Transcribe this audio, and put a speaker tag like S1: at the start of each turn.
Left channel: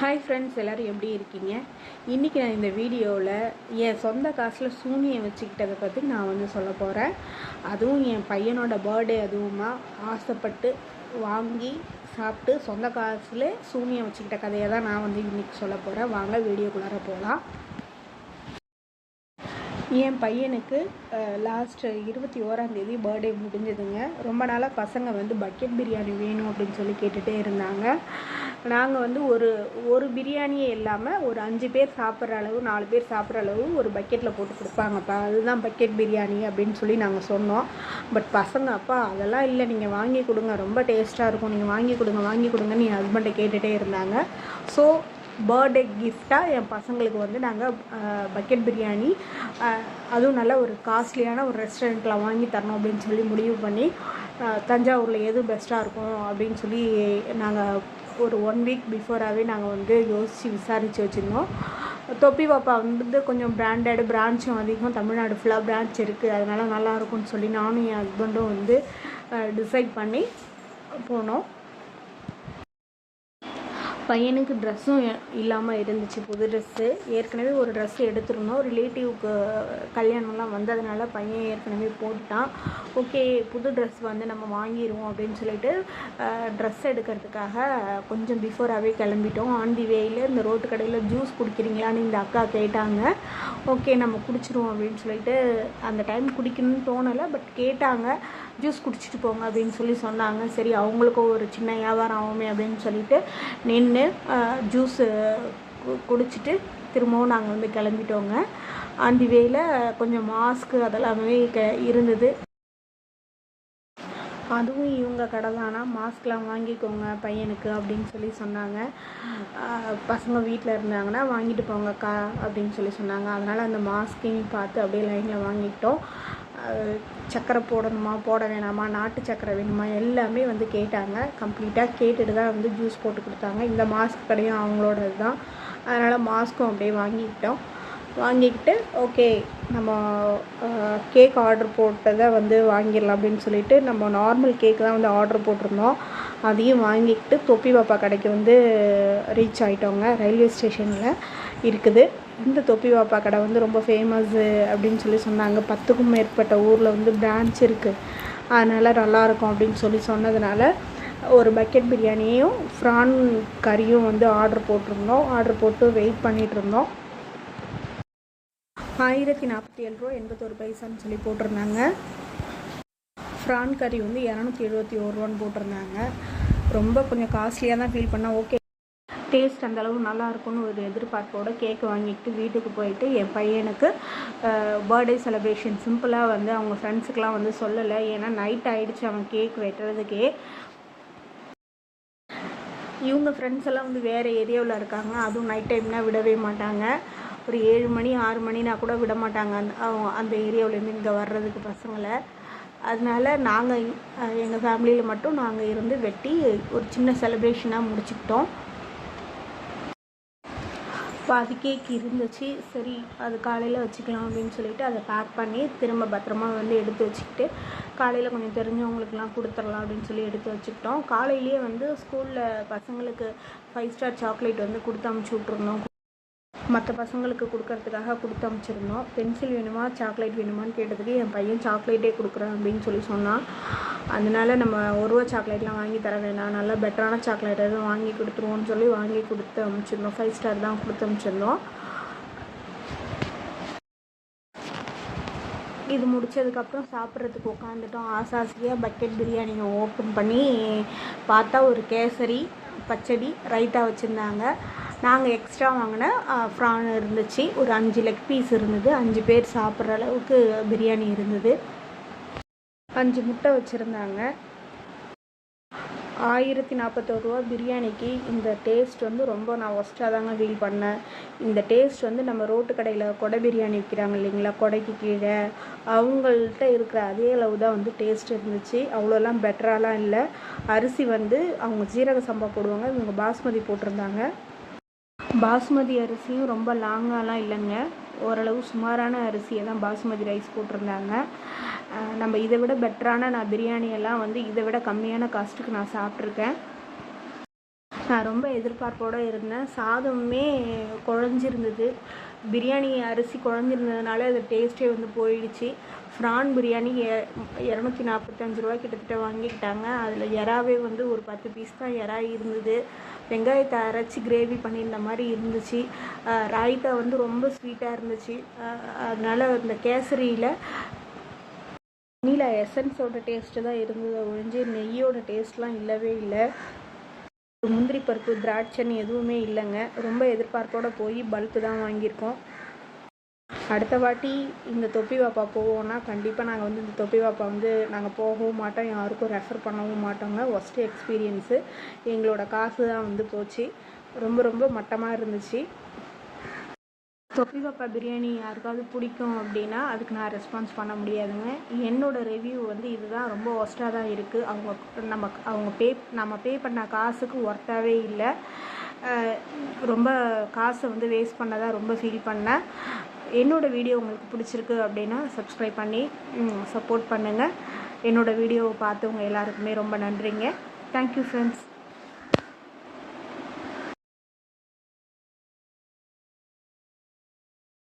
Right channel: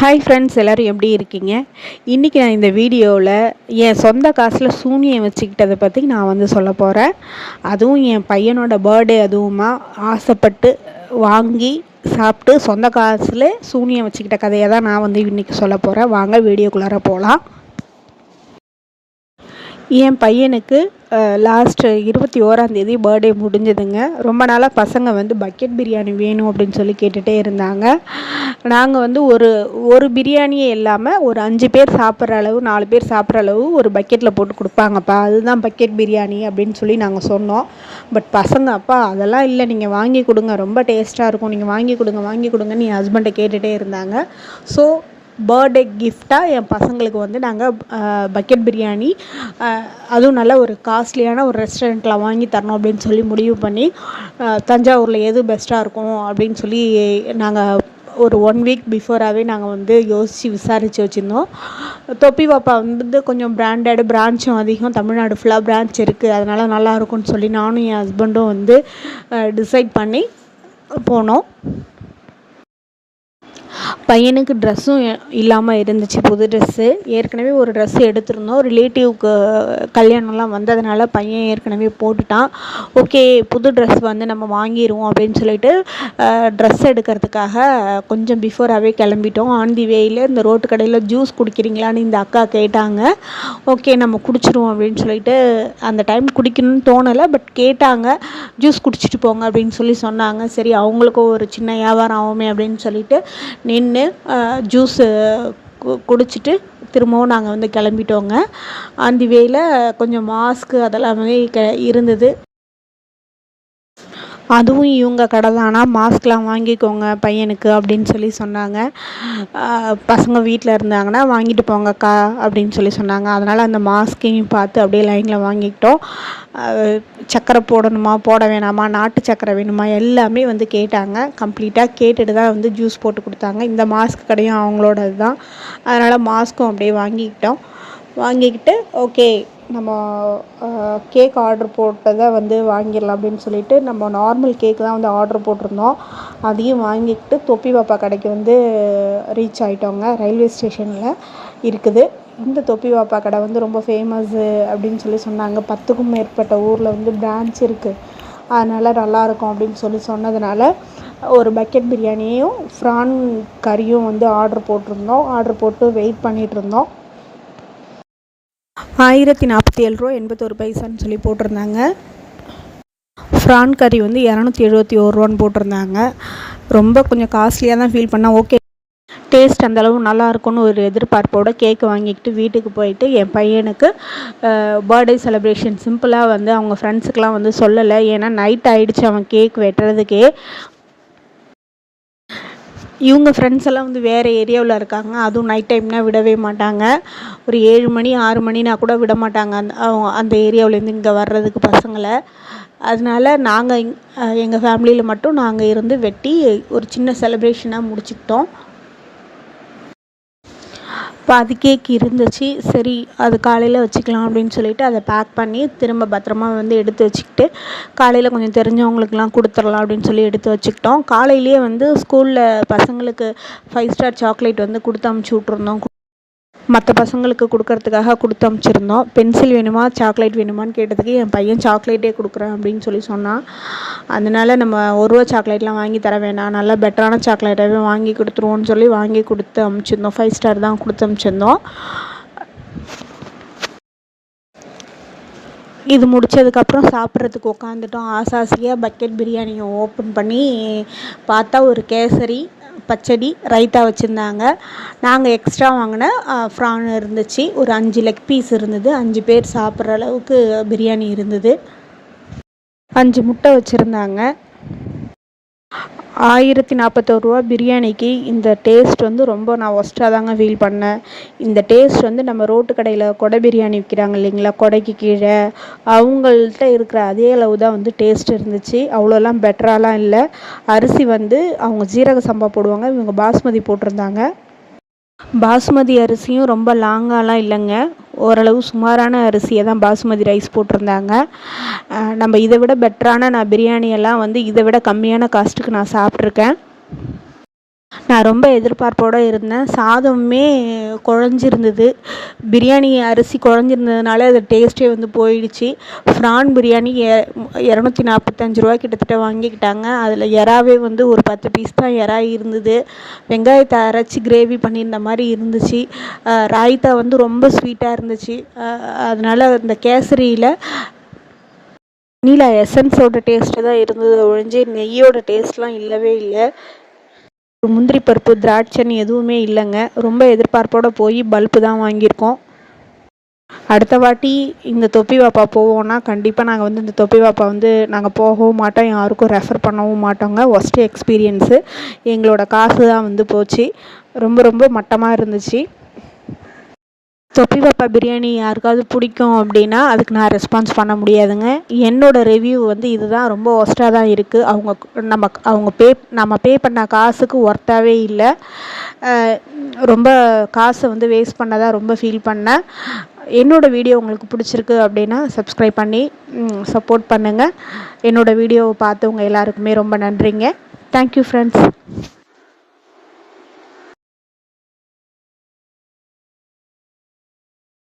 S1: Hi friends எல்லோரும் எப்படி இருக்கீங்க? இன்றைக்கி நான் இந்த வீடியோவில் என் சொந்த காசில் சூனியம் வச்சுக்கிட்டதை பற்றி நான் வந்து சொல்ல போகிறேன் அதுவும் என் பையனோட பர்த்டே அதுவுமா ஆசைப்பட்டு வாங்கி சாப்பிட்டு சொந்த காசில் சூனியம் வச்சுக்கிட்ட கதையை தான் நான் வந்து இன்றைக்கி சொல்ல போகிறேன் வாங்க வீடியோக்குள்ளார போகலாம் என் பையனுக்கு லாஸ்ட்டு இருபத்தி ஓராந்தேதி பர்த்டே முடிஞ்சதுங்க. ரொம்ப நாளாக பசங்க வந்து பக்கெட் பிரியாணி வேணும் அப்படின்னு சொல்லி கேட்டுகிட்டே இருந்தாங்க. நாங்கள் வந்து ஒரு ஒரு பிரியாணியே இல்லாமல் ஒரு அஞ்சு பேர் சாப்பிட்ற அளவு நாலு பேர் சாப்பிட்ற அளவு ஒரு பக்கெட்டில் போட்டு கொடுப்பாங்கப்பா. அதுதான் பக்கெட் பிரியாணி அப்படின்னு சொல்லி நாங்கள் சொன்னோம். பட் பசங்க அப்பா அதெல்லாம் இல்லை. நீங்கள் வாங்கி கொடுங்க. ரொம்ப டேஸ்ட்டாக இருக்கும். நீங்கள் வாங்கி கொடுங்க வாங்கி கொடுங்கன்னு என் ஹஸ்பண்டை கேட்டுகிட்டே இருந்தாங்க. ஸோ பர்த்டே கிஃப்டாக என் பசங்களுக்கு வந்து நாங்கள் பக்கெட் பிரியாணி அதுவும் நல்ல ஒரு காஸ்ட்லியான ஒரு ரெஸ்டாரண்ட்டில் வாங்கி தரணும் அப்படின்னு சொல்லி முடிவு பண்ணி தஞ்சாவூரில் எது பெஸ்ட்டாக இருக்கும் அப்படின்னு சொல்லி நாங்கள் ஒரு ஒன் வீக் பிஃபோராகவே நாங்கள் வந்து யோசித்து விசாரித்து வச்சுருந்தோம். தொப்பி பாப்பா வந்து கொஞ்சம் பிராண்டட் பிரான்ச்சும் அதிகம். தமிழ்நாடு ஃபுல்லாக பிரான்ச் இருக்குது அதனால் நல்லாயிருக்கும்னு சொல்லி நானும் என் ஹஸ்பண்டும் வந்து டிசைட் பண்ணி போனோம். பையனுக்கு ட்ரெஸ்ஸும் இல்லாமல் இருந்துச்சு புது ட்ரெஸ்ஸு ஏற்கனவே ஒரு ட்ரெஸ் எடுத்திருந்தோம். ரிலேட்டிவ்க்கு கல்யாணம்லாம் வந்ததுனால பையன் ஏற்கனவே போட்டுட்டான். ஓகே புது ட்ரெஸ் வந்து நம்ம வாங்கிடுவோம் அப்படின்னு சொல்லிட்டு ட்ரெஸ் எடுக்கிறதுக்காக கொஞ்சம் பிஃபோராகவே கிளம்பிட்டோம். ஆன் தி வேயில் இந்த ரோட்டு கடையில் ஜூஸ் குடிக்கிறீங்களான்னு இந்த அக்கா கேட்டாங்க. ஓகே நம்ம குடிச்சிருவோம் அப்படின்னு சொல்லிட்டு அந்த டைம் குடிக்கணும்னு தோணலை பட் கேட்டாங்க. ஜூஸ் குடிச்சிட்டு போங்க அப்படின்னு சொல்லி சொன்னாங்க. சரி அவங்களுக்கும் ஒரு சின்ன வியாபாரம் ஆகுமே அப்படின்னு சொல்லிட்டு நின்று ஜூஸு குடிச்சிட்டு திரும்பவும் நாங்கள் வந்து கிளம்பிட்டோங்க. அந்த வேயில் கொஞ்சம் மாஸ்க்கு அதெல்லாமே க இருந்தது. அதுவும் இவங்க கடை தானா. மாஸ்க்லாம் வாங்கிக்கோங்க பையனுக்கு அப்படின்னு சொல்லி சொன்னாங்க. பசங்க வீட்டில் இருந்தாங்கன்னா வாங்கிட்டு போங்கக்கா அப்படின்னு சொல்லி சொன்னாங்க. அதனால் அந்த மாஸ்கையும் பார்த்து அப்படியே லைனில் வாங்கிக்கிட்டோம். சக்கரை போடணுமா போட வேணாமா நாட்டு சக்கரை வேணுமா எல்லாமே வந்து கேட்டாங்க. கம்ப்ளீட்டாக கேட்டுட்டு தான் வந்து ஜூஸ் போட்டு கொடுத்தாங்க. இந்த மாஸ்க் கடையும் அவங்களோடது தான். அதனால் மாஸ்க்கும் அப்படியே வாங்கிக்கிட்டோம். வாங்கிக்கிட்டு ஓகே நம்ம கேக் ஆர்டர் போட்டதை வந்து வாங்கிடலாம் அப்படின்னு சொல்லிட்டு நம்ம நார்மல் கேக் தான் வந்து ஆர்டர் போட்டிருந்தோம். அதையும் வாங்கிக்கிட்டு தொப்பி பாப்பா கடைக்கு வந்து ரீச் ஆகிட்டோங்க ரயில்வே ஸ்டேஷனில் இருக்குது. இந்த தொப்பி வாப்பா கடை வந்து ரொம்ப ஃபேமஸ்ஸு அப்படின்னு சொல்லி சொன்னாங்க. பத்துக்கும் மேற்பட்ட ஊரில் வந்து பிரான்ச் இருக்குது அதனால் நல்லாயிருக்கும் அப்படின்னு சொல்லி சொன்னதுனால ஒரு பக்கெட் பிரியாணியும் ஃப்ரான் கறியும் வந்து ஆர்டர் போட்டிருந்தோம். ஆர்டர் போட்டு வெயிட் பண்ணிகிட்ருந்தோம் ஆயிரத்தி நாற்பத்தி ஏழு ரூபா எண்பத்தோரு பைசான்னு சொல்லி போட்டிருந்தாங்க. ஃப்ரான் கறி வந்து இரநூத்தி எழுபத்தி ஒரு ரூபான்னு போட்டிருந்தாங்க. ரொம்ப கொஞ்சம் காஸ்ட்லியாக தான் ஃபீல் பண்ணால் ஓகே டேஸ்ட் அந்தளவு நல்லாயிருக்குன்னு ஒரு எதிர்பார்ப்போடு கேக் வாங்கிக்கிட்டு வீட்டுக்கு போயிட்டு என் பையனுக்கு பர்த்டே செலிப்ரேஷன் சிம்பிளாக வந்து அவங்க ஃப்ரெண்ட்ஸுக்கெலாம் வந்து சொல்லலை. ஏன்னா நைட் ஆகிடுச்சு அவன் கேக் வெட்டுறதுக்கே. இவங்க ஃப்ரெண்ட்ஸ் எல்லாம் வந்து வேறு ஏரியாவில் இருக்காங்க. அதுவும் நைட் டைம்னால் விடவே மாட்டாங்க. ஒரு ஏழு மணி ஆறு மணினா கூட விட மாட்டாங்க. அந்த அந்த ஏரியாவிலேருந்து இங்கே வர்றதுக்கு பசங்களை. அதனால நாங்கள் எங்கள் ஃபேமிலியில் மட்டும் நாங்கள் இருந்து வெட்டி ஒரு சின்ன செலிப்ரேஷனாக முடிச்சுக்கிட்டோம். பாதி கேக் இருந்துச்சு. சரி அது காலையில் வச்சுக்கலாம் அப்படின்னு சொல்லிட்டு அதை பேக் பண்ணி திரும்ப பத்திரமா வந்து எடுத்து வச்சுக்கிட்டு காலையில் கொஞ்சம் தெரிஞ்சவங்களுக்குலாம் கொடுத்துடலாம் அப்படின்னு சொல்லி எடுத்து வச்சுக்கிட்டோம். காலையிலேயே வந்து ஸ்கூலில் பசங்களுக்கு ஃபைவ் ஸ்டார் சாக்லேட் வந்து கொடுத்து அமுச்சு விட்ருந்தோம் மற்ற பசங்களுக்கு கொடுக்கறதுக்காக கொடுத்து அமுச்சிருந்தோம். பென்சில் வேணுமா சாக்லேட் வேணுமான்னு கேட்டதுக்கு என் பையன் சாக்லேட்டே கொடுக்குறேன் அப்படின்னு சொல்லி சொன்னான். அதனால நம்ம ஒரு ரூபா சாக்லேட்லாம் வாங்கி தர வேணாம். நல்லா பெட்டரான சாக்லேட்டாகவே வாங்கி கொடுத்துருவோன்னு சொல்லி வாங்கி கொடுத்து அமுச்சிருந்தோம். ஃபைவ் ஸ்டார் தான் கொடுத்து அமுச்சிருந்தோம். இது முடித்ததுக்கப்புறம் சாப்பிட்றதுக்கு உட்காந்துட்டோம் ஆசாசியாக பக்கெட் பிரியாணியை ஓப்பன் பண்ணி பார்த்தா ஒரு கேசரி பச்சடி ரைத்தா வச்சுருந்தாங்க. நாங்கள் எக்ஸ்ட்ரா வாங்கின ஃப்ரான் இருந்துச்சு. ஒரு அஞ்சு லெக் பீஸ் இருந்தது. அஞ்சு பேர் சாப்பிட்ற அளவுக்கு பிரியாணி இருந்தது. அஞ்சு முட்டை வச்சுருந்தாங்க. ஆயிரத்தி நாற்பத்தோரு ரூபா பிரியாணிக்கு இந்த டேஸ்ட் வந்து ரொம்ப நான் ஒஸ்ட்டாக தாங்க ஃபீல் பண்ணேன். இந்த டேஸ்ட் வந்து நம்ம ரோட்டு கடையில் கொடை பிரியாணி விற்கிறாங்க இல்லைங்களா? கொடைக்கு கீழே. அவங்கள்ட்ட இருக்கிற அதே அளவு தான் வந்து டேஸ்ட் இருந்துச்சு. அவ்வளோலாம் பெட்டராலாம் இல்லை. அரிசி வந்து அவங்க ஜீரக சம்பா போடுவாங்க இவங்க பாஸ்மதி போட்டிருந்தாங்க. பாஸ்மதி அரிசியும் ரொம்ப லாங்காலாம் இல்லைங்க. ஓரளவு சுமாரான அரிசியை தான் பாசுமதி ரைஸ் போட்டிருந்தாங்க. நம்ம இதை விட பெட்டரான நான் பிரியாணியெல்லாம் வந்து இதை விட கம்மியான காஸ்ட்டுக்கு நான் சாப்பிட்ருக்கேன் நான் ரொம்ப எதிர்பார்ப்போடு இருந்தேன். சாதமுமே குழஞ்சிருந்தது. பிரியாணி அரிசி குழஞ்சிருந்ததுனால அது டேஸ்ட்டே வந்து போயிடுச்சு. ஃப்ரான் பிரியாணி எ இரநூத்தி நாற்பத்தஞ்சு ரூபா கிட்டத்தட்ட வாங்கிக்கிட்டாங்க. அதில் எறாவே வந்து ஒரு பத்து பீஸ் தான் எறா இருந்தது. வெங்காயத்தை அரைச்சி கிரேவி பண்ணியிருந்த மாதிரி இருந்துச்சு. ராய்த்தா வந்து ரொம்ப ஸ்வீட்டாக இருந்துச்சு. அதனால் இந்த கேசரியில் நீலா எசன்ஸோட டேஸ்ட்டு தான் இருந்தது. ஒழிஞ்சு நெய்யோட டேஸ்ட்லாம் இல்லவே இல்லை. முந்திரி பருப்பு திராட்சைன்னு எதுவுமே இல்லைங்க. ரொம்ப எதிர்பார்ப்போடு போய் பல்ப்பு தான் வாங்கியிருக்கோம். அடுத்த வாட்டி இந்த தொப்பி வாப்பா போவோம்னா கண்டிப்பாக நாங்கள் வந்து இந்த தொப்பி வாப்பா வந்து நாங்கள் போகவும் மாட்டோம். யாருக்கும் ரெஃபர் பண்ணவும் மாட்டோங்க. ஒஸ்ட்டு எக்ஸ்பீரியன்ஸு எங்களோட காசு தான் வந்து போச்சு. ரொம்ப ரொம்ப மட்டமாக இருந்துச்சு. தொப்பி பாப்பா பிரியாணி யாருக்காவது பிடிக்கும் அப்படின்னா அதுக்கு நான் ரெஸ்பான்ஸ் பண்ண முடியாதுங்க. என்னோடய ரிவ்யூ வந்து இதுதான். ரொம்ப ஒஸ்ட்டாக தான் இருக்குது அவங்க நம்ம அவங்க பே நம்ம பே பண்ண காசுக்கு ஒர்த்தாகவே இல்லை. ரொம்ப காசை வந்து வேஸ்ட் பண்ணதாக ரொம்ப ஃபீல் பண்ணேன். என்னோடய வீடியோ உங்களுக்கு பிடிச்சிருக்கு அப்படின்னா சப்ஸ்கிரைப் பண்ணி சப்போர்ட் பண்ணுங்கள் என்னோடய வீடியோவை பார்த்தவங்க எல்லாருக்குமே ரொம்ப நன்றிங்க. Thank you friends